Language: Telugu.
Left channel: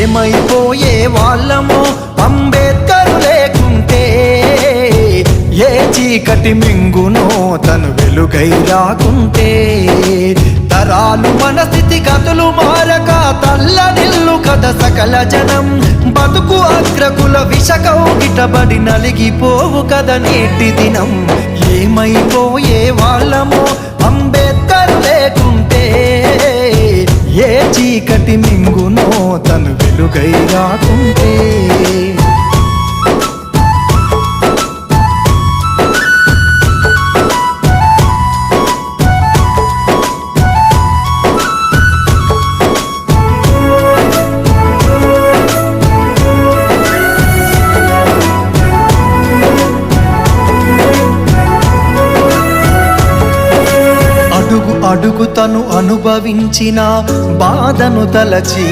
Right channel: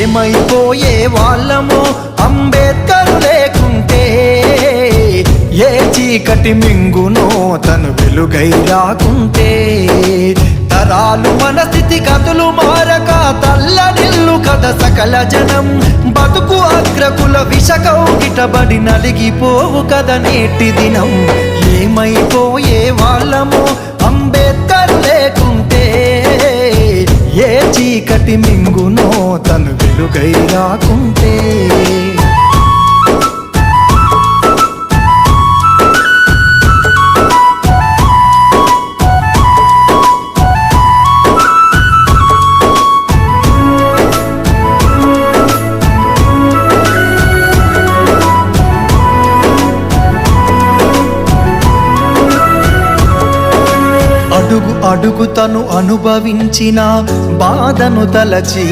ఏమైపోయే వాళ్ళమో అంబేద్కరు లేకుంటే, ఏ చీకటి మింగునో తను వెలుగై రాకుంటే, తరాలు మన స్థితి గతులు మారక తల్లడిల్లు కథ సకల జనం, బతుకు అగ్రకుల విషకౌగిటబడి నలిగిపోవు కథ నేటి దినం. ఏమైపోయే వాళ్ళమో అంబేద్కరు లేకుంటే, ఏ చీకటి మింగునో తను వెలుగై రాకుంటే. అడుగు అడుగు తను అనుభవించిన బాధను తలచి,